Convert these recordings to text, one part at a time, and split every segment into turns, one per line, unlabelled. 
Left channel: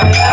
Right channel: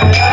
Yeah.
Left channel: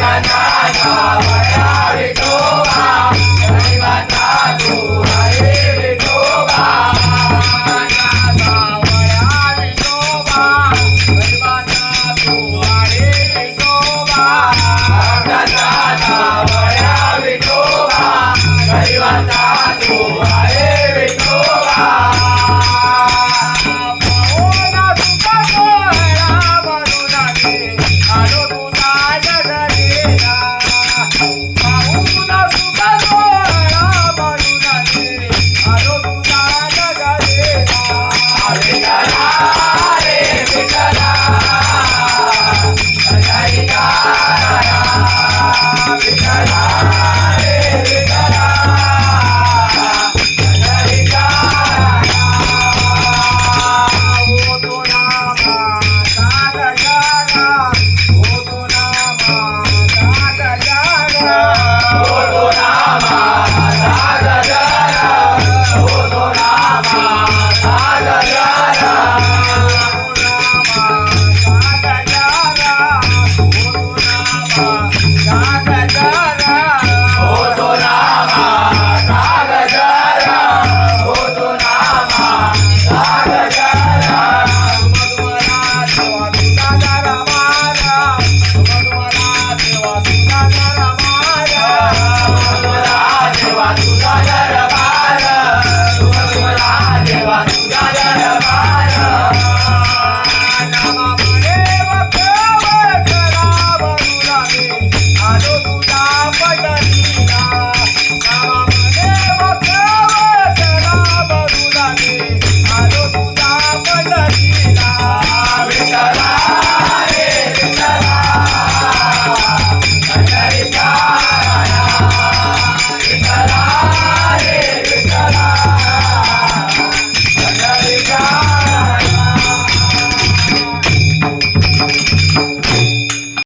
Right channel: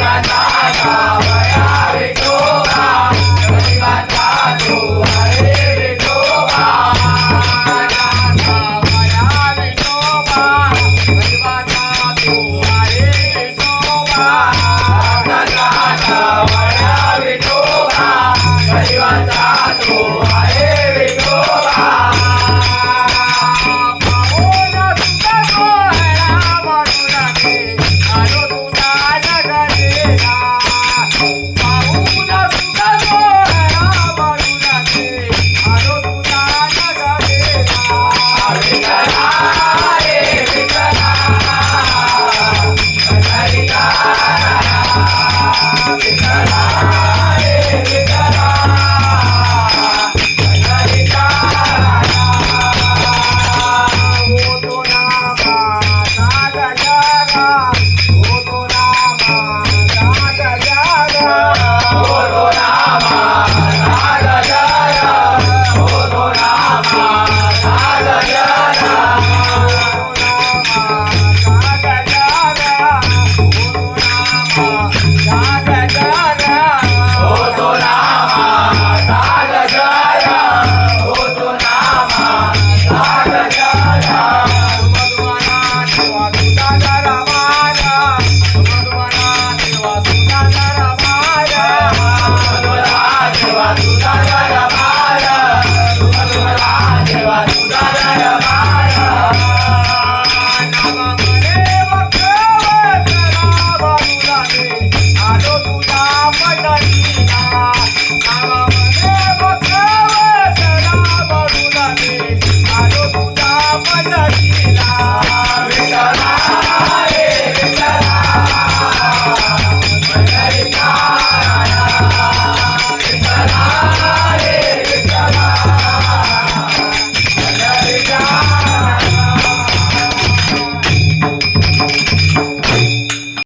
गावया